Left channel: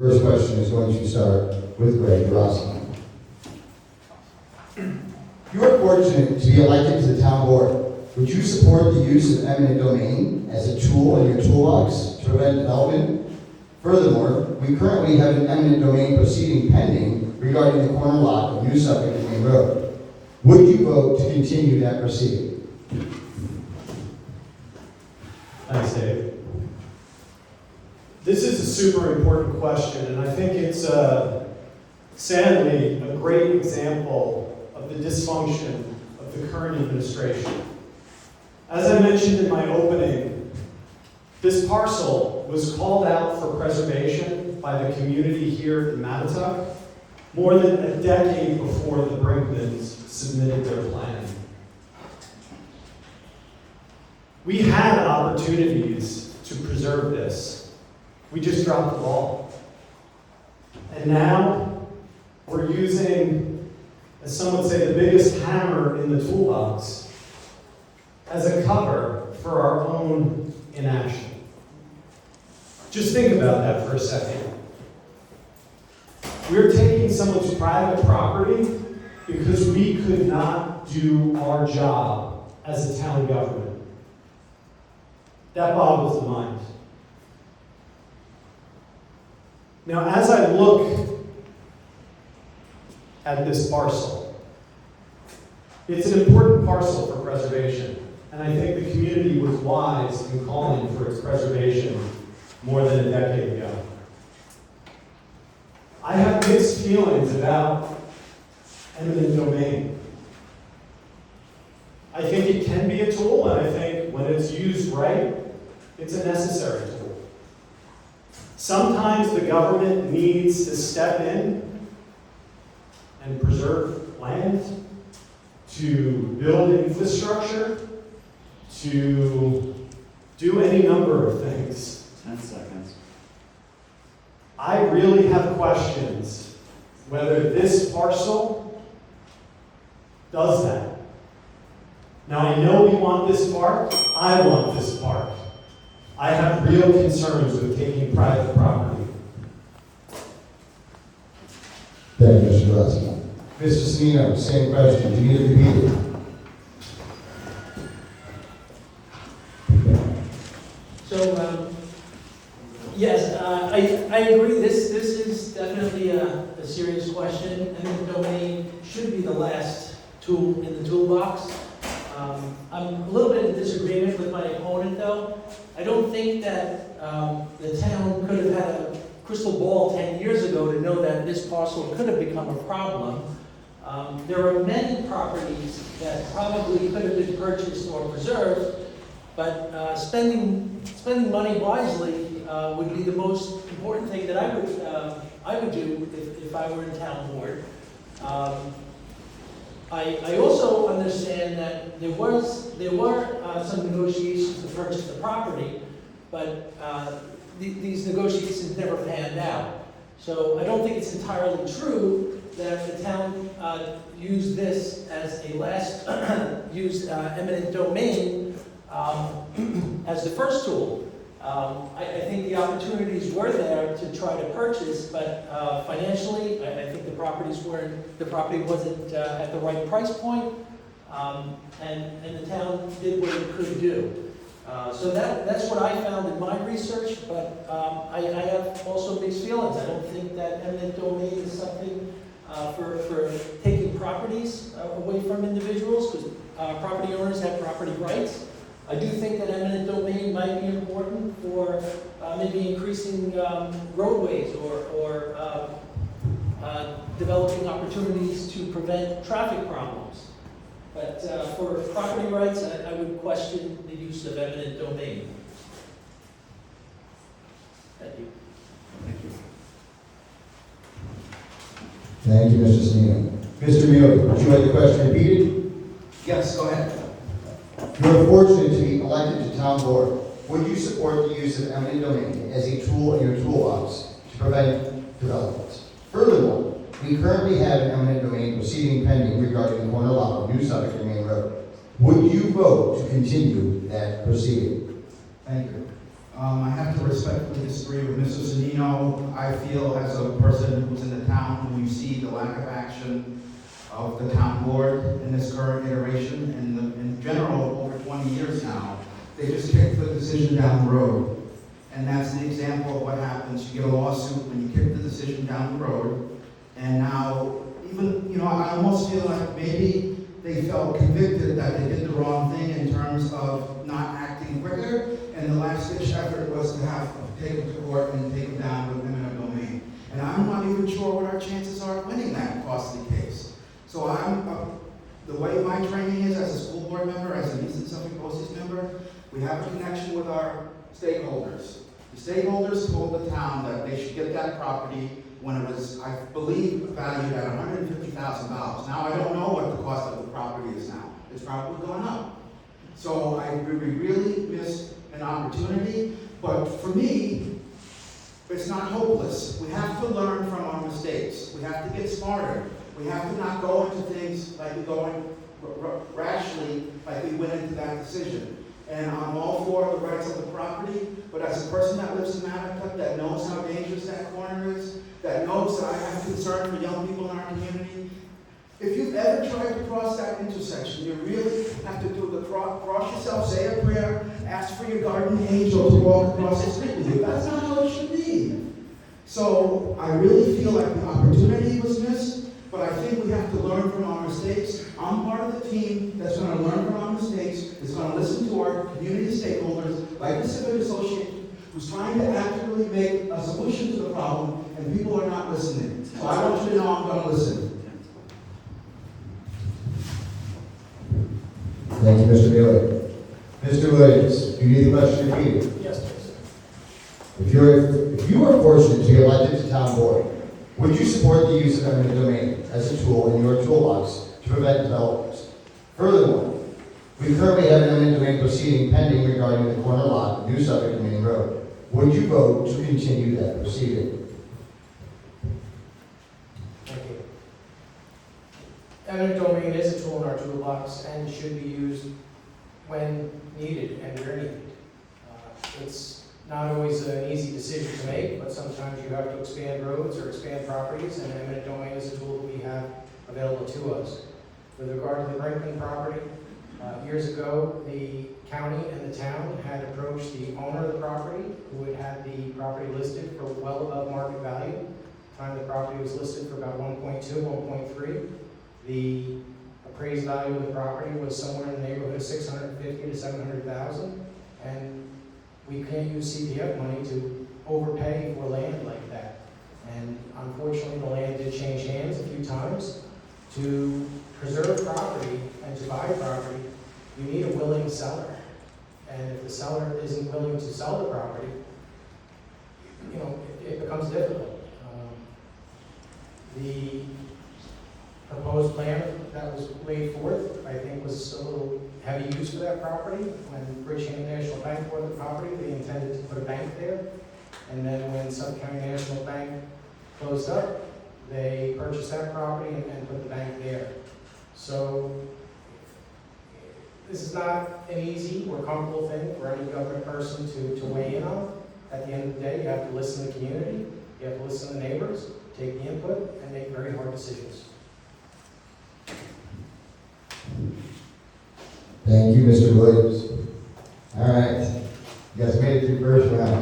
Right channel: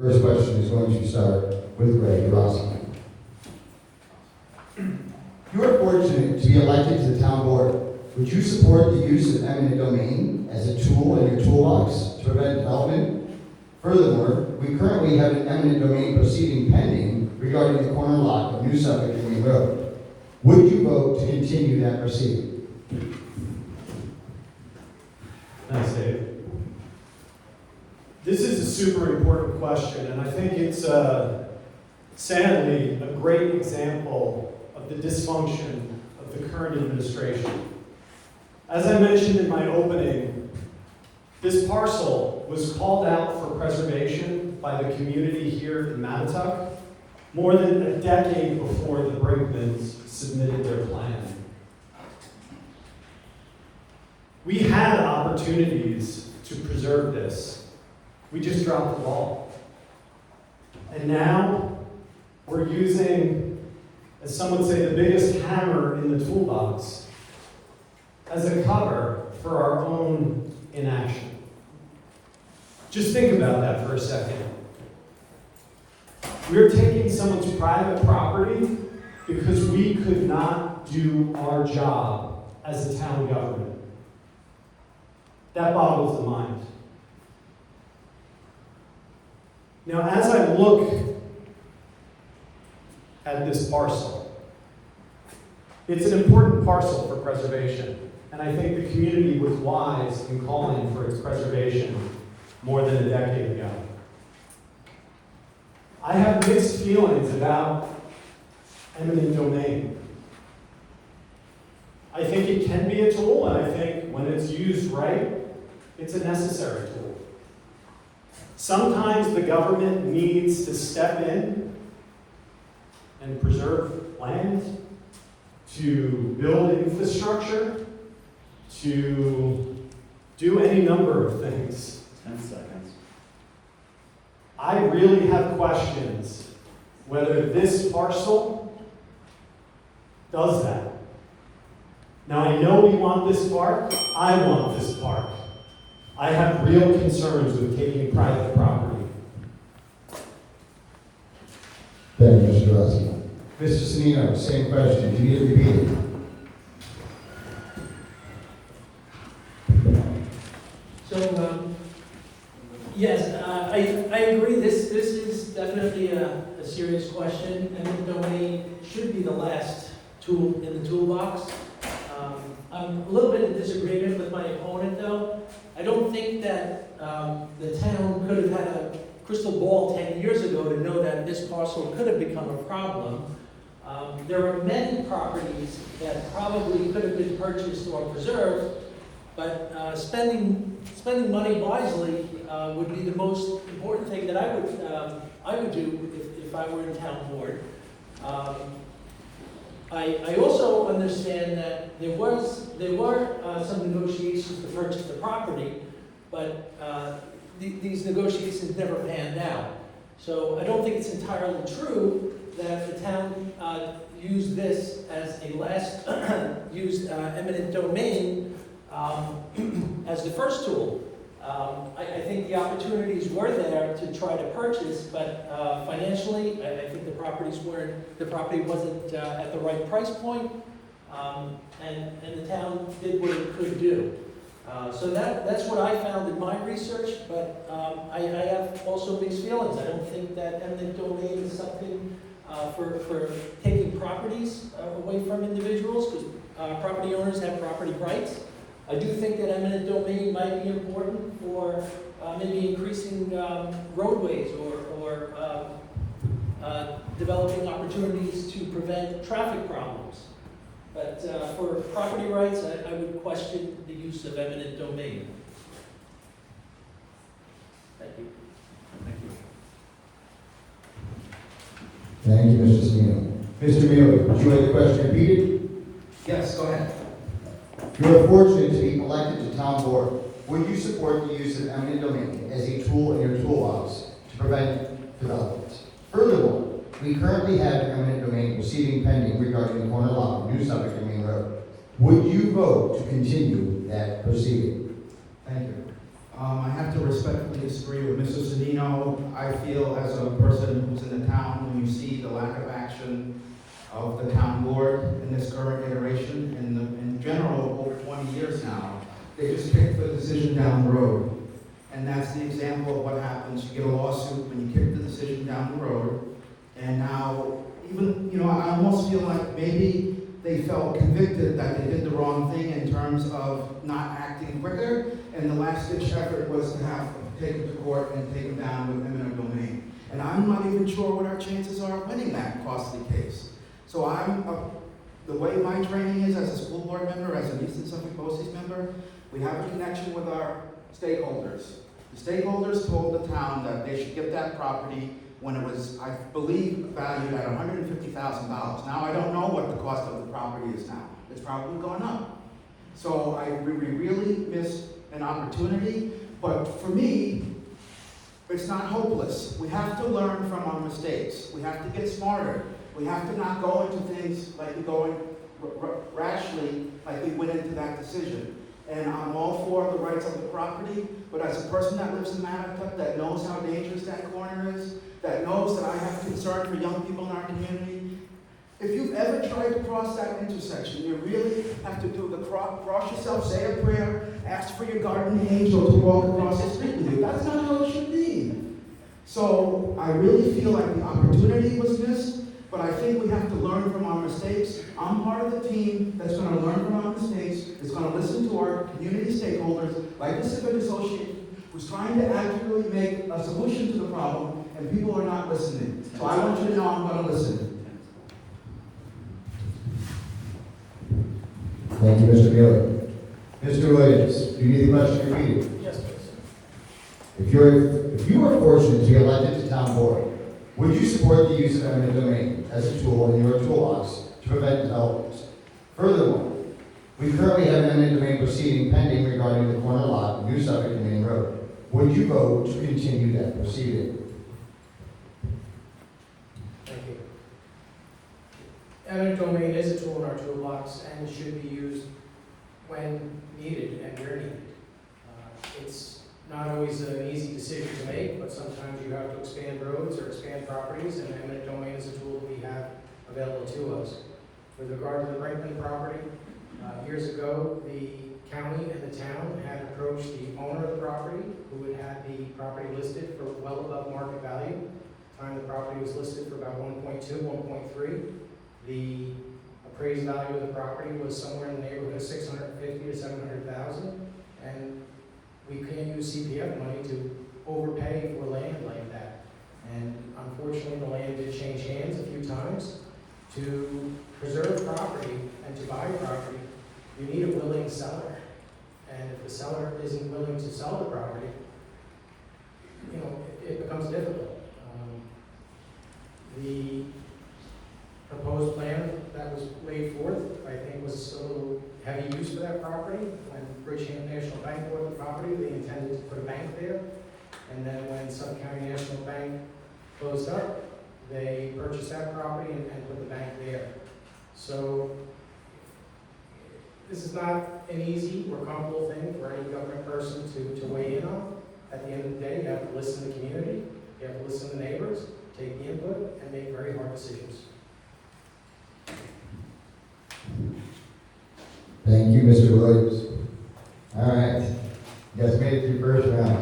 First question is going to start with Greg Rossi. You are fortunate to be elected to the town board. Would you support the use of eminent domain as a tool in your toolbox to prevent development? Furthermore, we currently have an eminent domain proceeding pending regarding the corner lot of New Suffolk and Main Road. Would you vote to continue that proceeding? Thanks, Dave. This is a super important question, and I think it's sadly a great example of the dysfunction of the current administration. As I mentioned in my opening, this parcel was called out for preservation by the community here in Mattituck more than a decade before the Brinkmans submitted their plan. We had opportunities to preserve this. We just dropped the ball. And now we're using, as some would say, the biggest hammer in the toolbox as a cover for our own inaction. Just think about that for a second. We're taking someone's private property because we could not do our job as a town government. That boggles the mind. Now, as I look at this parcel, it's an important parcel for preservation, and I think the community was wise in calling for its preservation more than a decade ago. I have mixed feelings about eminent domain. I think it can be a tool, and I think when it's used right, it's a necessary tool. Sometimes the government needs to step in and preserve land, to build infrastructure, to do any number of things. 10 seconds. I really have questions whether this parcel does that. Now, I know we want this park. I want this park. I have real concerns with taking private property. Thank you, Mr. Rossi. Mr. Cimino, same question. Do you need to repeat it? Yes, I agree. This is definitely a serious question. Eminent domain should be the last tool in the toolbox. I'm a little bit in disagreement with my opponent, though. I don't think that the town could have had a crystal ball 10 years ago to know that this parcel could have become a problem. There are many properties that probably could have been purchased or preserved, but spending money wisely would be the most important thing that I would do if I were in town board. I also understand that there were some negotiations to purchase the property, but these negotiations never panned out. So I don't think it's entirely true that the town used this as a last used eminent domain as the first tool. I think the opportunities were there to try to purchase, but financially, I think the property wasn't at the right price point, and the town did what it could do. So that's what I found in my research, but I have also mixed feelings. I don't think that eminent domain is something for taking properties away from individuals, because property owners have property rights. I do think that eminent domain might be important for maybe increasing roadways or developing opportunities to prevent traffic problems. But for property rights, I would question the use of eminent domain. Thank you. Thank you. Thank you, Mr. Cimino. Mr. Mueller, would you like the question repeated? Yes, go ahead. You are fortunate to be elected to town board. Would you support the use of eminent domain as a tool in your toolbox to prevent development? Furthermore, we currently have an eminent domain proceeding pending regarding the corner lot of New Suffolk and Main Road. Would you vote to continue that proceeding? Thank you. I have to respectfully disagree with Mr. Zanino. I feel as a person who's in the town, when you see the lack of action of the town board in this current iteration, and in general, over 20 years now, they just kick the decision down the road. And that's the example of what happens. You get a lawsuit when you kick the decision down the road, and now, even, I almost feel like maybe they felt convicted that they did the wrong thing in terms of not acting quicker, and the last-ditch effort was to have take them to court and take them down with eminent domain. And I'm not even sure what our chances are of winning that costly case. So the way my training is as a school board member, as an Eastern Suffolk BOCES member, we have a connection with our stakeholders. The stakeholders told the town that they should get that property when it was, I believe, valued at $150,000. Now, I don't know what the cost of the property is now. It's probably gone up. So we really missed an opportunity, but for me, it's not hopeless. We have to learn from our mistakes. We have to get smarter. We have to not go into things like we go in rashly, like we went into that decision. And I'm all for the rights of the property, but as a person that lives in Mattituck, that knows how dangerous that corner is, that knows that I have concern for young people in our community, if you've ever tried to cross that intersection, you really have to do the cross yourself, say a prayer, ask for your guardian angel to walk across the street with you. That's not how it should be. So I really feel like the opportunity was missed, but I think we have to learn from our mistakes. I'm part of the team that's going to learn from our mistakes, that's going to listen to our community stakeholders, like the Civic Association, who's trying to accurately make a solution to the problem, and people are not listening. So I want you to know I'm going to listen. Thank you, Mr. Bailey. Mr. Williams, you need the question repeated. Yes, please. If you were fortunate to be elected to town board, would you support the use of eminent domain as a tool in your toolbox to prevent developers? Furthermore, we currently have an eminent domain proceeding pending regarding the corner lot of New Suffolk and Main Road. Would you vote to continue that proceeding? Thank you. Eminent domain is a tool in our toolbox and should be used when needed and where needed. It's not always an easy decision to make, but sometimes you have to expand roads or expand properties, and eminent domain is a tool that we have available to us. With regard to the Brinkman property, years ago, the county and the town had approached the owner of the property, who had had the property listed for well above market value. At the time the property was listed for about 1.2, 1.3. The appraised value of the property was somewhere in the neighborhood of $650,000 to $700,000, and we can't use CPF money to overpay for land like that. And unfortunately, the land did change hands a few times. To preserve property and to buy property, you need a willing seller. And if the seller isn't willing to sell the property, it becomes difficult. The proposed plan that was laid forth, I think, was a little heavy use for that property. When Bridgehampton National Bank bought the property, they intended to put a bank there. And then when Suffolk County National Bank closed up, they purchased that property and put the bank there. So this is not an easy or comfortable thing for any government person to weigh in on. At the end of the day, you have to listen to the community, you have to listen to the neighbors, take the input, and make very hard decisions. Thank you, Mr. Williams. All right. You guys made it through first round.